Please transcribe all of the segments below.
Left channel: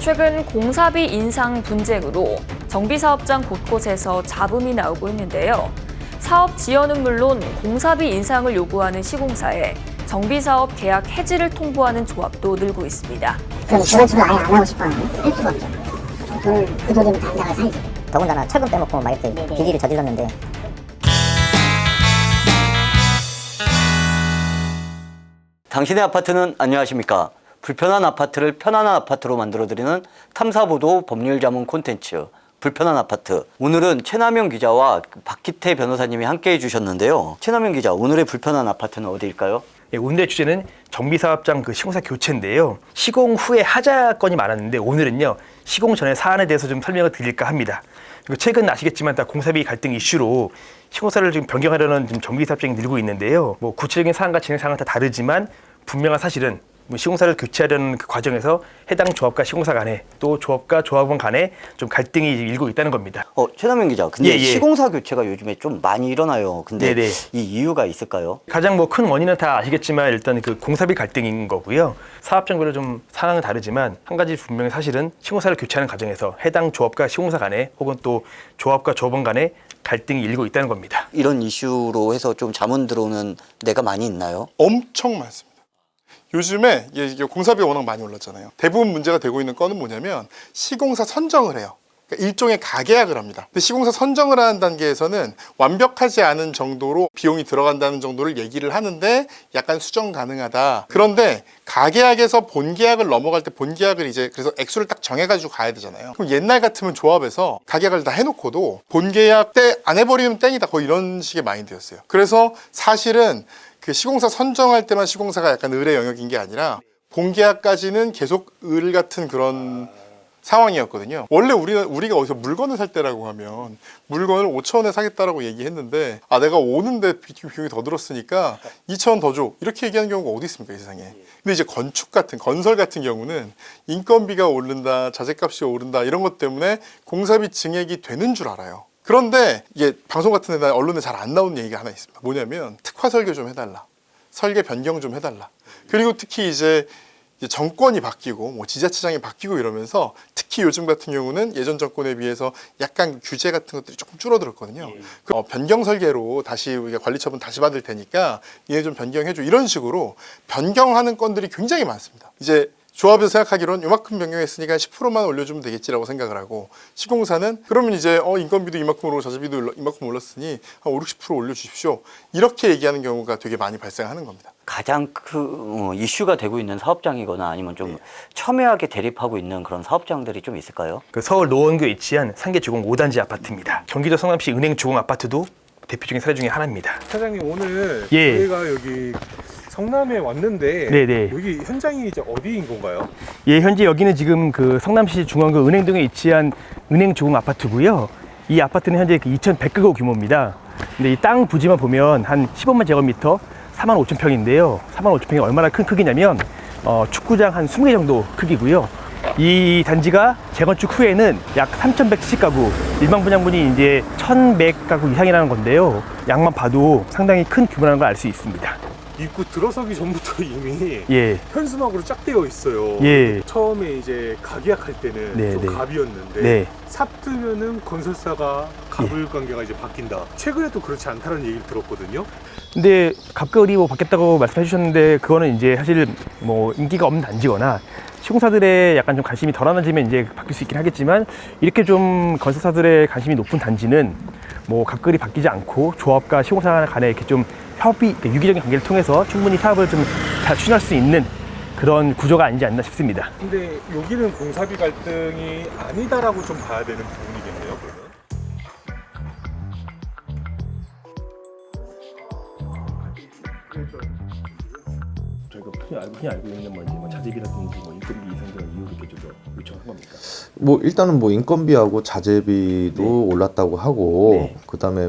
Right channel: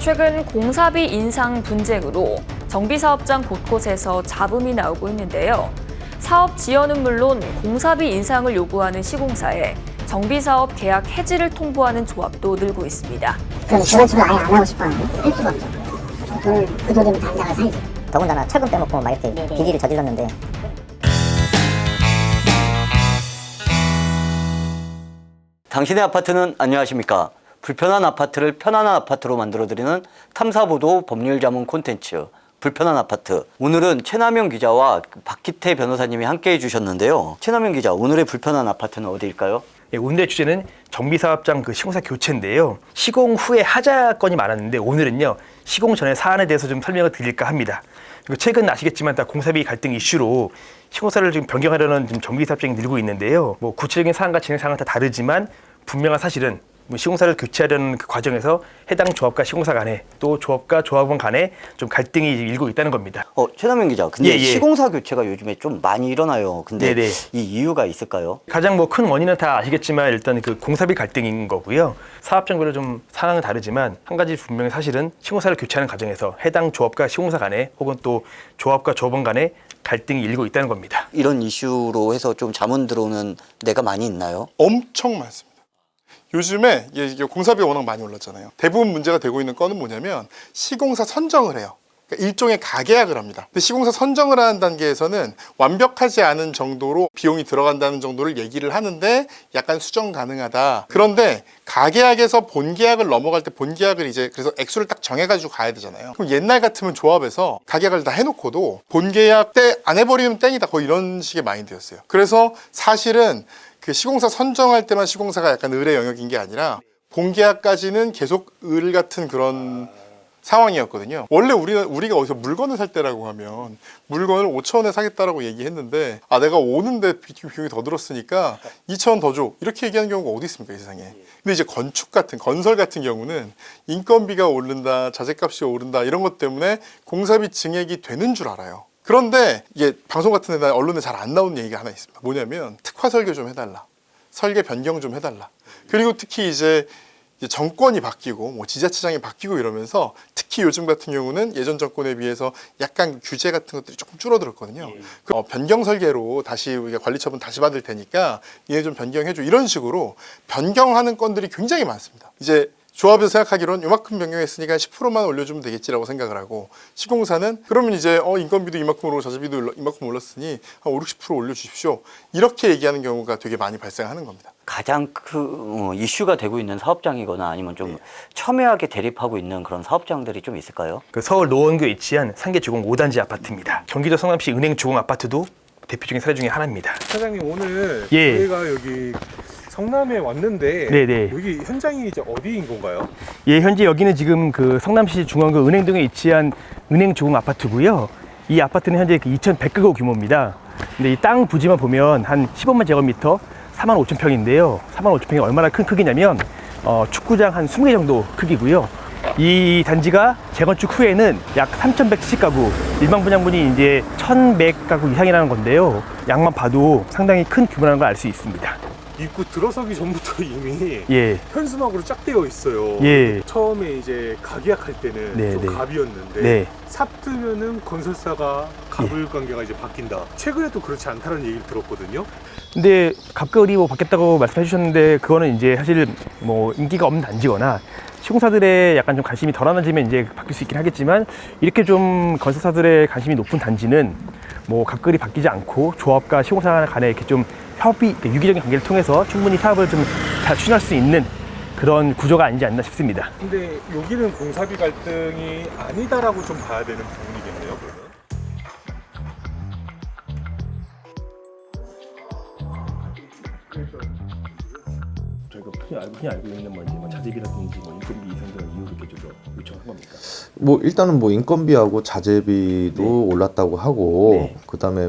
최근 공사비 인상 분쟁으로 정비사업장 곳곳에서 잡음이 나오고 있는데요. 사업 지연은 물론 공사비 인상을 요구하는 시공사에 정비사업 계약 해지를 통보하는 조합도 늘고 있습니다. 그럼 저번 주를 아예 안 하고 싶어요. 할 수가 없죠. 그 돈이면 당장을 살지. 더군다나 철금 빼먹고 막 이렇게 비리를 저질렀는데. 당신의 아파트는 안녕하십니까? 불편한 아파트를 편안한 아파트로 만들어드리는 탐사보도 법률자문 콘텐츠 불편한 아파트. 오늘은 최남영 기자와 박기태 변호사님이 함께해 주셨는데요. 최남영 기자, 오늘의 불편한 아파트는 어디일까요? 예, 오늘의 주제는 정비사업장 시공사 교체인데요. 시공 후에 하자 건이 많았는데 오늘은요, 시공 전의 사안에 대해서 좀 설명을 드릴까 합니다. 그리고 최근 아시겠지만 다 공사비 갈등 이슈로 시공사를 지금 변경하려는 지금 정비사업장이 늘고 있는데요. 뭐 구체적인 사안과 진행 사항은 다 다르지만 분명한 사실은 시공사를 교체하려는 그 과정에서 해당 조합과 시공사 간에 또 조합과 조합원 간에 좀 갈등이 일고 있다는 겁니다. 최남영 기자, 근데 예. 시공사 교체가 요즘에 좀 많이 일어나요. 근데 네네. 이 이유가 있을까요? 가장 큰 원인은 다 아시겠지만 일단 그 공사비 갈등인 거고요. 사업장별로 좀 상황은 다르지만 한 가지 분명히 사실은 시공사를 교체하는 과정에서 해당 조합과 시공사 간에 혹은 또 조합과 조합원 간에 갈등이 일고 있다는 겁니다. 이런 이슈로 해서 좀 자문 들어오는 데가 많이 있나요? 엄청 많습니다. 요즘에 이게 공사비가 워낙 많이 올랐잖아요. 대부분 문제가 되고 있는 건은 뭐냐면 시공사 선정을 해요. 그러니까 일종의 가계약을 합니다. 근데 시공사 선정을 하는 단계에서는 완벽하지 않은 정도로 비용이 들어간다는 정도를 얘기를 하는데 약간 수정 가능하다. 그런데 가계약에서 본계약을 넘어갈 때 본계약을 이제 그래서 액수를 딱 정해가지고 가야 되잖아요. 그럼 옛날 같으면 조합에서 가계약을 다 해놓고도 본계약 때 안 해버리면 땡이다. 거의 이런 식의 마인드였어요. 그래서 사실은 그 시공사 선정할 때만 시공사가 약간 을의 영역인 게 아니라 본계약까지는 계속 을 같은 그런 상황이었거든요. 원래 우리가 어디서 물건을 살 때라고 하면 물건을 5,000원에 사겠다라고 얘기했는데 내가 오는데 비용이 더 들었으니까 2,000원 더 줘. 이렇게 얘기하는 경우가 어디 있습니까, 이 세상에. 근데 이제 건설 같은 경우는 인건비가 오른다, 자재값이 오른다 이런 것 때문에 공사비 증액이 되는 줄 알아요. 그런데 이게 방송 같은 데나 언론에 잘 안 나오는 얘기가 하나 있습니다. 뭐냐면 특화 설계 좀 해달라. 설계 변경 좀 해달라. 그리고 특히 이제 정권이 바뀌고 뭐 지자체장이 바뀌고 이러면서 특히 요즘 같은 경우는 예전 정권에 비해서 약간 규제 같은 것들이 조금 줄어들었거든요. 변경 설계로 다시 우리가 관리처분 다시 받을 테니까 얘네 좀 변경해줘. 이런 식으로 변경하는 건들이 굉장히 많습니다. 이제 조합에서 생각하기로는 이만큼 변경했으니까 10%만 올려주면 되겠지라고 생각을 하고 시공사는 그러면 이제 인건비도 이만큼 오르고 자재비도 이만큼 올랐으니 한 5, 60% 올려주십시오. 이렇게 얘기하는 경우가 되게 많이 발생하는 겁니다. 가장 이슈가 되고 있는 사업장이거나 아니면 좀 첨예하게 대립하고 있는 그런 사업장들이 좀 있을까요? 서울 노원구에 위치한 상계주공 5단지 아파트입니다. 경기도 성남시 은행 주공 아파트도 대표적인 사례 중에 하나입니다. 사장님, 오늘 예. 저희가 여기 성남에 왔는데 네네. 여기 현장이 이제 어디인 건가요? 예, 현재 여기는 지금 성남시 중앙구 은행동에 위치한 은행 주공 아파트고요. 이 아파트는 현재 2,100가구 규모입니다. 근데 이 땅 부지만 보면 한 15만 제곱미터 45,000평인데요. 45,000평이 얼마나 큰 크기냐면 축구장 한 20개 정도 크기고요. 이 단지가 재건축 후에는 약 3,170가구, 일반 분양분이 이제 1,100가구 이상이라는 건데요. 양만 봐도 상당히 큰 규모라는 걸 알 수 있습니다. 입구 들어서기 전부터 이미 예. 현수막으로 쫙 되어 있어요. 예. 처음에 이제 가계약할 때는 네, 좀 네. 갑이었는데 네. 삽 뜨면은 건설사가 갑을 관계가 이제 바뀐다. 최근에도 그렇지 않다는 얘기를 들었거든요. 근데 갑을이 바뀌었다고 말씀해 주셨는데 그거는 이제 사실 뭐 인기가 없는 단지거나 시공사들의 약간 좀 관심이 덜 하나지면 이제 바뀔 수 있긴 하겠지만 이렇게 좀 건설사들의 관심이 높은 단지는 뭐 갑을이 바뀌지 않고 조합과 시공사 간에 이렇게 좀 협의, 유기적인 관계를 통해서 충분히 사업을 좀 잘 추진할 수 있는 그런 구조가 아니지 않나 싶습니다. 근데 여기는 공사비 갈등이 아니다라고 좀 봐야 되는 부분이겠네요, 그러면. 저희가 흔히 알고 있는 뭐 자재비라든지 인건비 이상 그런 이유를 이렇게 좀 요청한 겁니까? 뭐 일단은 인건비하고 자재비도 네. 올랐다고 하고 네. 그다음에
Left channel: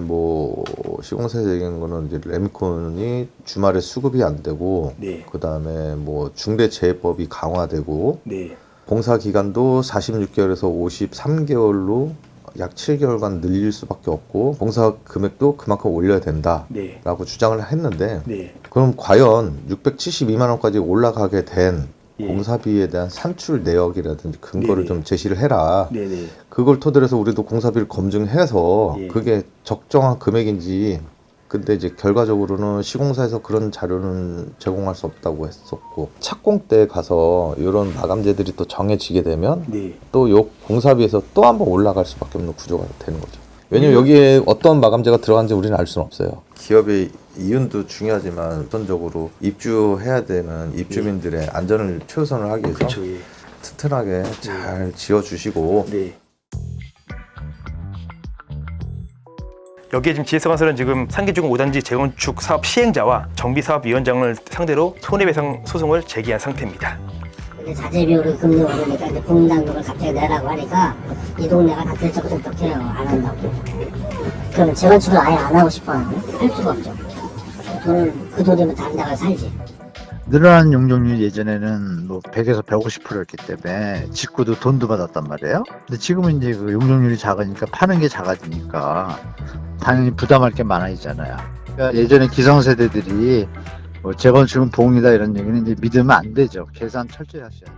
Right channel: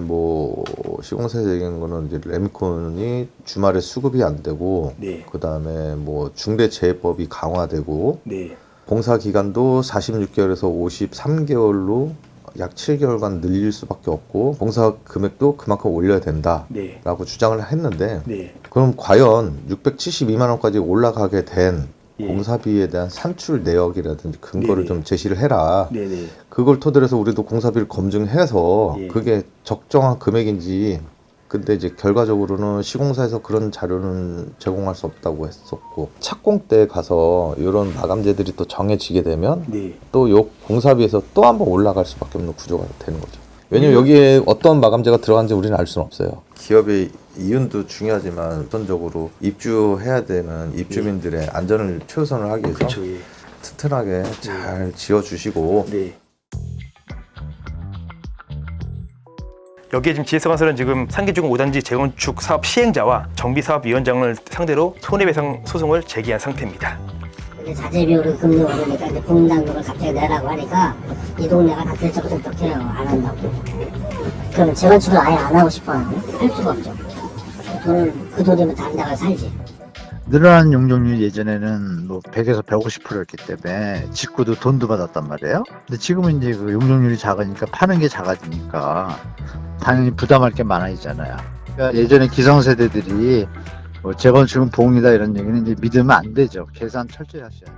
시공사적인 거는 이제 레미콘이 주말에 수급이 안 되고 네. 그다음에 중대재해법이 강화되고 네. 공사 기간도 46개월에서 53개월로 약 7개월간 늘릴 수밖에 없고 공사 금액도 그만큼 올려야 된다라고 네. 주장을 했는데 네. 그럼 과연 672만 원까지 올라가게 된 공사비에 대한 산출 내역이라든지 근거를 네네. 좀 제시를 해라. 네네. 그걸 토대로 해서 우리도 공사비를 검증해서 예. 그게 적정한 금액인지. 근데 이제 결과적으로는 시공사에서 그런 자료는 제공할 수 없다고 했었고, 착공 때 가서 이런 마감재들이 또 정해지게 되면 네. 또 요 공사비에서 또 한번 올라갈 수밖에 없는 구조가 되는 거죠. 왜냐면 여기에 어떤 마감재가 들어간지 우리는 알 수는 없어요. 기업의 이윤도 중요하지만 우선적으로 입주해야 되는 입주민들의 안전을 최우선을 하기 위해서 그렇죠. 예. 튼튼하게 잘 지어주시고, 네. 여기에 지금 GS건설은 지금 상계주공 5단지 재건축 사업 시행자와 정비사업위원장을 상대로 손해배상 소송을 제기한 상태입니다. 근데 자재비용을 금리 오르니까 이제 공단금을 갑자기 내라고 하니까 이 동네가 다 들썩들썩해요. 안 한다고. 그러면 재건축을 아예 안 하고 싶어 하는데 할 수가 없죠. 그 돈이면 다른 데 가서 살지. 늘어난 용적률이 예전에는 뭐 100에서 150%였기 때문에 짓고도 돈도 받았단 말이에요. 근데 지금은 이제 그 용적률이 작으니까 파는 게 작아지니까 당연히 부담할 게 많아지잖아요. 그러니까 예전에 기성세대들이 뭐 재건축은 봉이다 이런 얘기는 이제 믿으면 안 되죠. 계산 철저히 하셔야 돼요.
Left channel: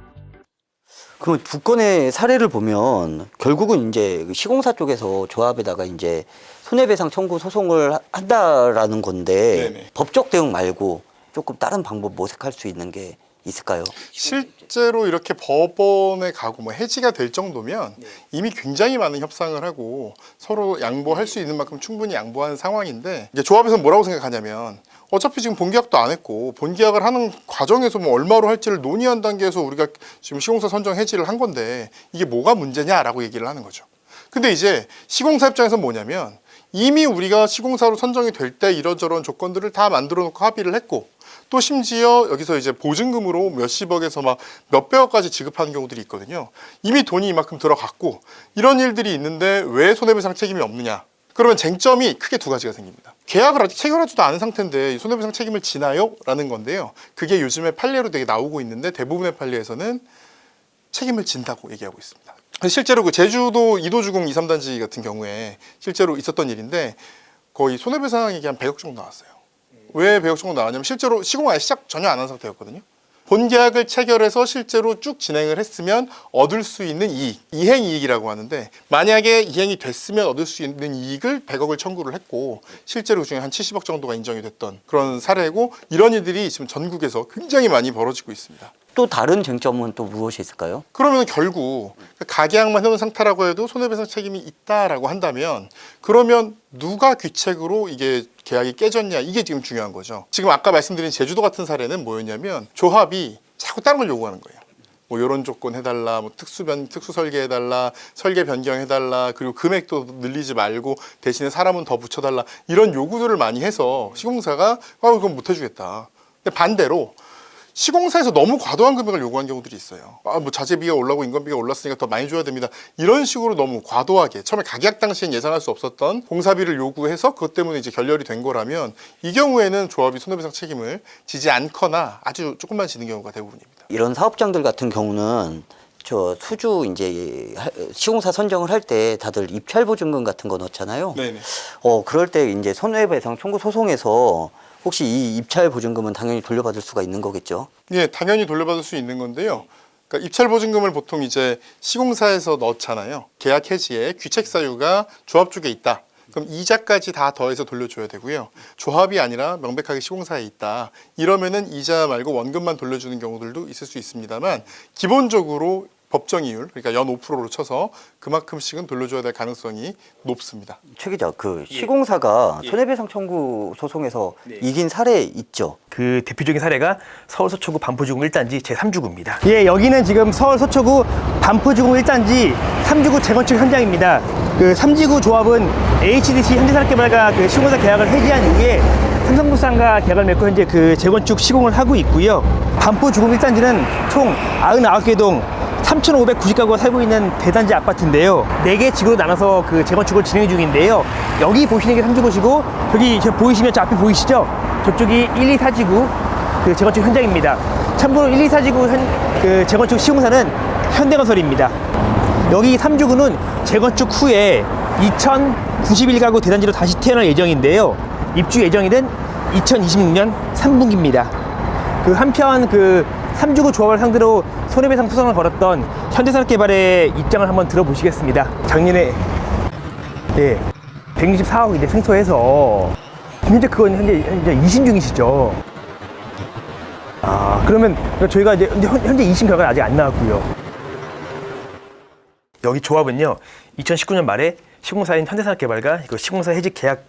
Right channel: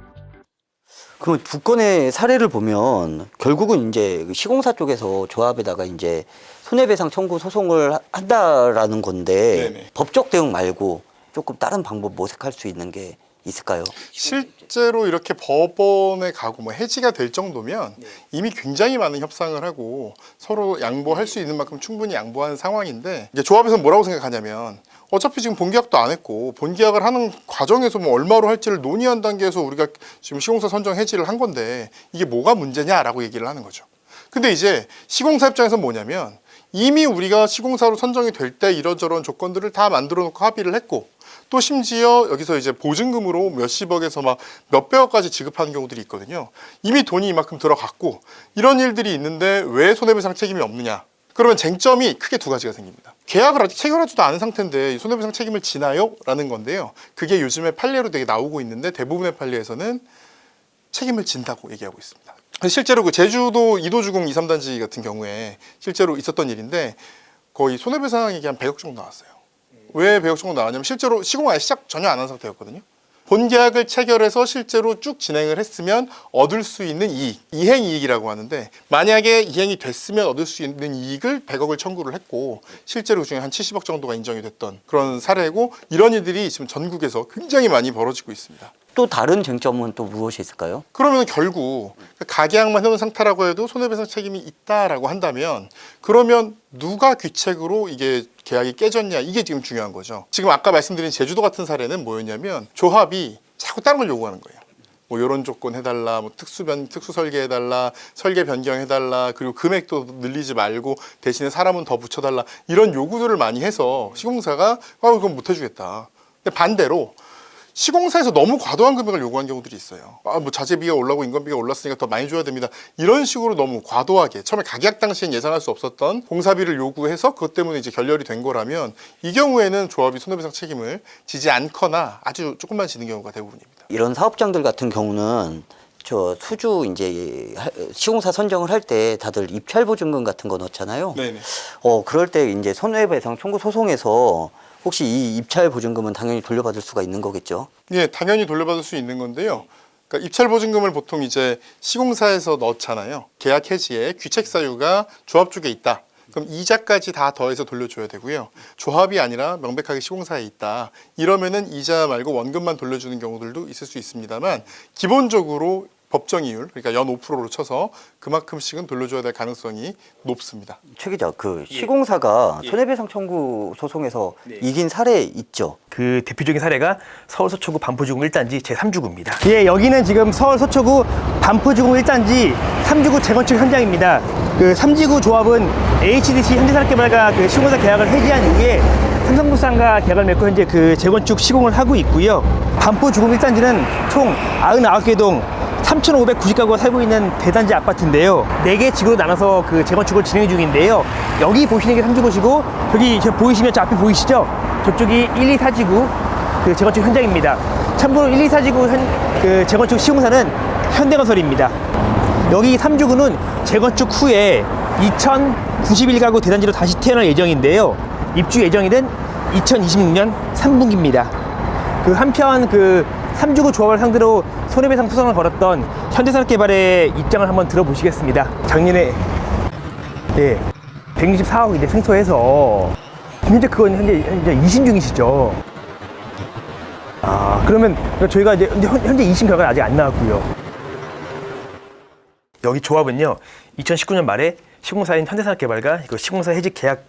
그 두 건의 사례를 보면 결국은 이제 시공사 쪽에서 조합에다가 이제 손해배상 청구 소송을 한다라는 건데 네네. 법적 대응 말고 조금 다른 방법 모색할 수 있는 게 있을까요? 실제로 이렇게 법원에 가고 뭐 해지가 될 정도면 이미 굉장히 많은 협상을 하고 서로 양보할 수 있는 만큼 충분히 양보하는 상황인데, 이게 조합에서는 뭐라고 생각하냐면 어차피 지금 본계약도 안 했고 본계약을 하는 과정에서 뭐 얼마로 할지를 논의한 단계에서 우리가 지금 시공사 선정 해지를 한 건데 이게 뭐가 문제냐라고 얘기를 하는 거죠. 근데 이제 시공사 입장에서는 뭐냐면 이미 우리가 시공사로 선정이 될 때 이런저런 조건들을 다 만들어 놓고 합의를 했고, 또 심지어 여기서 이제 보증금으로 몇십억에서 막 몇백억까지 지급하는 경우들이 있거든요. 이미 돈이 이만큼 들어갔고 이런 일들이 있는데 왜 손해배상 책임이 없느냐? 그러면 쟁점이 크게 두 가지가 생깁니다. 계약을 아직 체결하지도 않은 상태인데 손해배상 책임을 지나요? 라는 건데요. 그게 요즘에 판례로 되게 나오고 있는데 대부분의 판례에서는 책임을 진다고 얘기하고 있습니다. 실제로 그 제주도 2도주공 2, 3단지 같은 경우에 실제로 있었던 일인데 거의 손해배상액이 한 100억 정도 나왔어요. 왜 100억 정도 나왔냐면 실제로 시공 아예 시작 전혀 안 한 상태였거든요. 본계약을 체결해서 실제로 쭉 진행을 했으면 얻을 수 있는 이익, 이행이익이라고 하는데, 만약에 이행이 됐으면 얻을 수 있는 이익을 100억을 청구를 했고 실제로 그중에 한 70억 정도가 인정이 됐던 그런 사례고, 이런 일들이 지금 전국에서 굉장히 많이 벌어지고 있습니다. 또 다른 쟁점은 또 무엇이 있을까요? 그러면 결국 가계약만 해놓은 상태라고 해도 손해배상 책임이 있다라고 한다면, 그러면 누가 귀책으로 이게 계약이 깨졌냐, 이게 지금 중요한 거죠. 지금 아까 말씀드린 제주도 같은 사례는 뭐였냐면 조합이 자꾸 다른 걸 요구하는 거예요. 뭐 이런 조건 해달라, 뭐 특수 설계 해달라, 설계 변경해달라, 그리고 금액도 늘리지 말고 대신에 사람은 더 붙여달라, 이런 요구들을 많이 해서 시공사가 그건 못 해주겠다. 근데 반대로 시공사에서 너무 과도한 금액을 요구한 경우들이 있어요. 뭐 자재비가 올라고 인건비가 올랐으니까 더 많이 줘야 됩니다. 이런 식으로 너무 과도하게 처음에 가계약 당시엔 예상할 수 없었던 공사비를 요구해서 그것 때문에 이제 결렬이 된 거라면, 이 경우에는 조합이 손해배상 책임을 지지 않거나 아주 조금만 지는 경우가 대부분입니다. 이런 사업장들 같은 경우는 저 수주 이제 시공사 선정을 할 때 다들 입찰 보증금 같은 거 넣잖아요. 네네. 그럴 때 이제 손해배상 청구 소송에서 혹시 이 입찰 보증금은 당연히 돌려받을 수가 있는 거겠죠? 예, 당연히 돌려받을 수 있는 건데요. 그러니까 입찰 보증금을 보통 이제 시공사에서 넣잖아요. 계약 해지에 귀책 사유가 조합 쪽에 있다. 그럼 이자까지 다 더해서 돌려줘야 되고요. 조합이 아니라 명백하게 시공사에 있다. 이러면은 이자 말고 원금만 돌려주는 경우들도 있을 수 있습니다만, 기본적으로 법정 이율, 그러니까 연 5%로 쳐서 그만큼씩은 돌려줘야 될 가능성이 높습니다. 최 기자, 그 시공사가 손해배상 청구 소송에서 이긴 사례 있죠? 그 대표적인 사례가 서울 서초구 반포주공 1단지 제3주구입니다. 예, 여기는 지금 서울 서초구 반포주공 1단지 3주구 재건축 현장입니다. 그 3지구 조합은 HDC 현대산업개발과 그 시공사 계약을 해지한 이후에 삼성물산과 계약을 맺고 현재 그 재건축 시공을 하고 있고요. 반포주공 1단지는 총 99개 동 3,590가구가 살고 있는 대단지 아파트인데요. 4개 지구로 나눠서 그 재건축을 진행 중인데요. 여기 보시는 게 3주구시고, 저기 보이시면 저 앞에 보이시죠? 저쪽이 1, 2, 4지구 그 재건축 현장입니다. 참고로 1, 2, 4지구 그 재건축 시공사는 현대건설입니다. 여기 3주구는 재건축 후에 2,091가구 대단지로 다시 태어날 예정인데요. 입주 예정일은 2026년 3분기입니다. 그 한편 그 3주구 조합을 상대로 손해배상 소송을 걸었던 현대산업개발의 입장을 한번 들어보시겠습니다. 작년에 164억 이제 승소해서 현재 그건 현재 2심 중이시죠. 그러면 저희가 이제 현재 2심 결과는 아직 안 나왔고요. 여기 조합은요, 2019년 말에 시공사인 현대산업개발과 그 시공사 해지 계약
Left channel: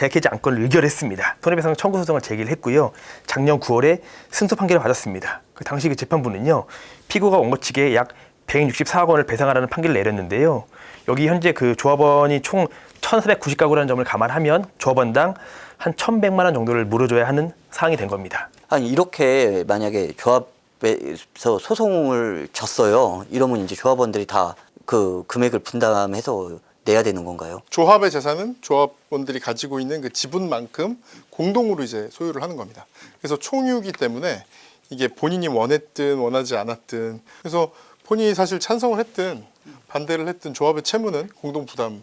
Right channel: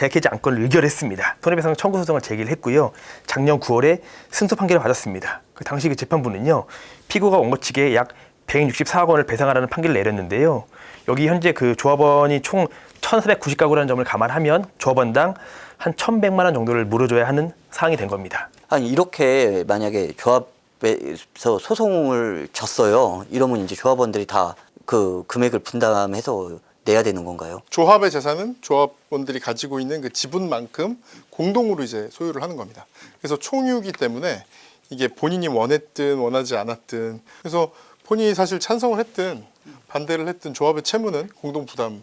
해지 안건을 의결했습니다. 손해배상 청구 소송을 제기를 했고요. 작년 9월에 승소 판결을 받았습니다. 그 당시 그 재판부는요, 피고가 원고 측에 약 164억 원을 배상하라는 판결을 내렸는데요. 여기 현재 그 조합원이 총 1,490가구라는 점을 감안하면 조합원당 한 1,100만 원 정도를 물어줘야 하는 상황이 된 겁니다. 아니 이렇게 만약에 조합에서 소송을 졌어요. 이러면 이제 조합원들이 다 그 금액을 분담해서 내야 되는 건가요? 조합의 재산은 조합원들이 가지고 있는 그 지분만큼 공동으로 이제 소유를 하는 겁니다. 그래서 총유이기 때문에 이게 본인이 원했든 원하지 않았든, 그래서 본인이 사실 찬성을 했든 반대를 했든 조합의 채무는 공동 부담할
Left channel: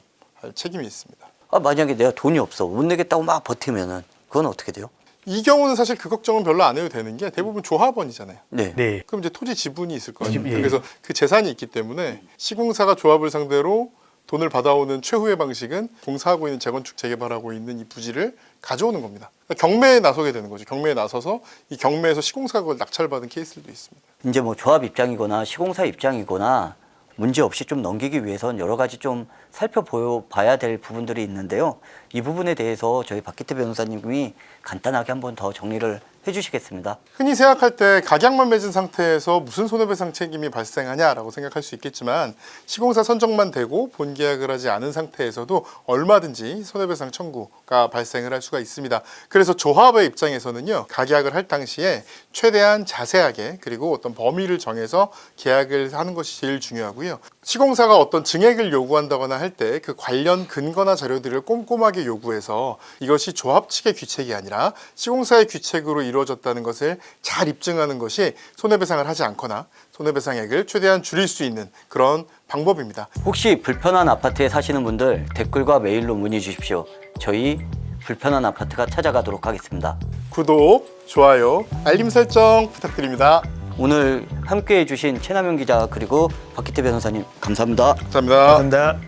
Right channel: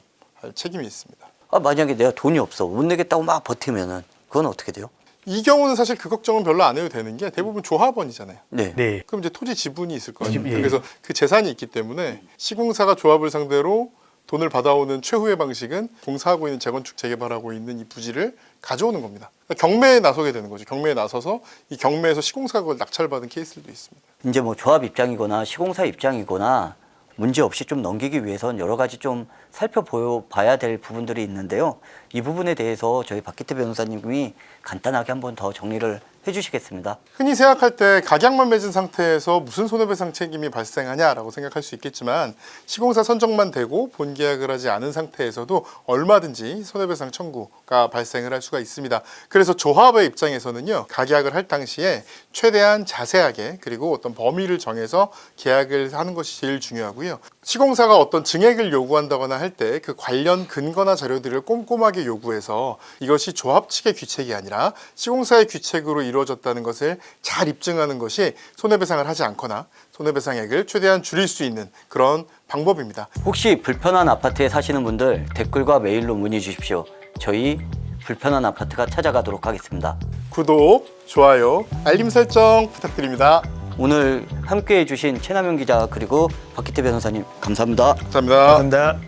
책임이 있습니다. 만약에 내가 돈이 없어 못 내겠다고 막 버티면은 그건 어떻게 돼요? 이 경우는 사실 그 걱정은 별로 안 해도 되는 게 대부분 조합원이잖아요. 네. 그럼 이제 토지 지분이 있을 거 아니에요. 예. 그래서 그 재산이 있기 때문에 시공사가 조합을 상대로 돈을 받아오는 최후의 방식은 공사하고 있는 재건축 재개발하고 있는 이 부지를 가져오는 겁니다. 그러니까 경매에 나서게 되는 거죠. 경매에 나서서 이 경매에서 시공사가 그걸 낙찰받은 케이스들도 있습니다. 이제 뭐 조합 입장이거나 시공사 입장이거나 문제 없이 좀 넘기기 위해선 여러 가지 좀 살펴봐야 될 부분들이 있는데요. 이 부분에 대해서 저희 박기태 변호사님이 간단하게 한번 더 정리를 해주시겠습니다. 흔히 생각할 때 각약만 맺은 상태에서 무슨 손해배상 책임이 발생하냐라고 생각할 수 있겠지만, 시공사 선정만 되고 본계약을 하지 않은 상태에서도 얼마든지 손해배상 청구가 발생을 할 수가 있습니다. 그래서 조합의 입장에서는요, 각약을 할 당시에 최대한 자세하게 그리고 어떤 범위를 정해서 계약을 하는 것이 제일 중요하고요. 시공사가 어떤 증액을 요구한다거나 할 때 그 관련 근거나 자료들을 꼼꼼하게 요구해서 이것이 조합 측의 귀책이 아니라 시공사의 귀책으로 이루어졌다는 것을 잘 입증하는 것이 손해배상을 하지 않거나 손해배상액을 최대한 줄일 수 있는 그런 방법입니다. 혹시 불편한 아파트에 사시는 분들 댓글과 메일로 문의 주십시오. 저희 불편한 아파트가 찾아가도록 하겠습니다. 구독, 좋아요, 알림 설정 부탁드립니다. 오늘 함께해 주신 최남현 기자 그리고 박기태 변호사님 감사합니다. 감사합니다. 감사합니다.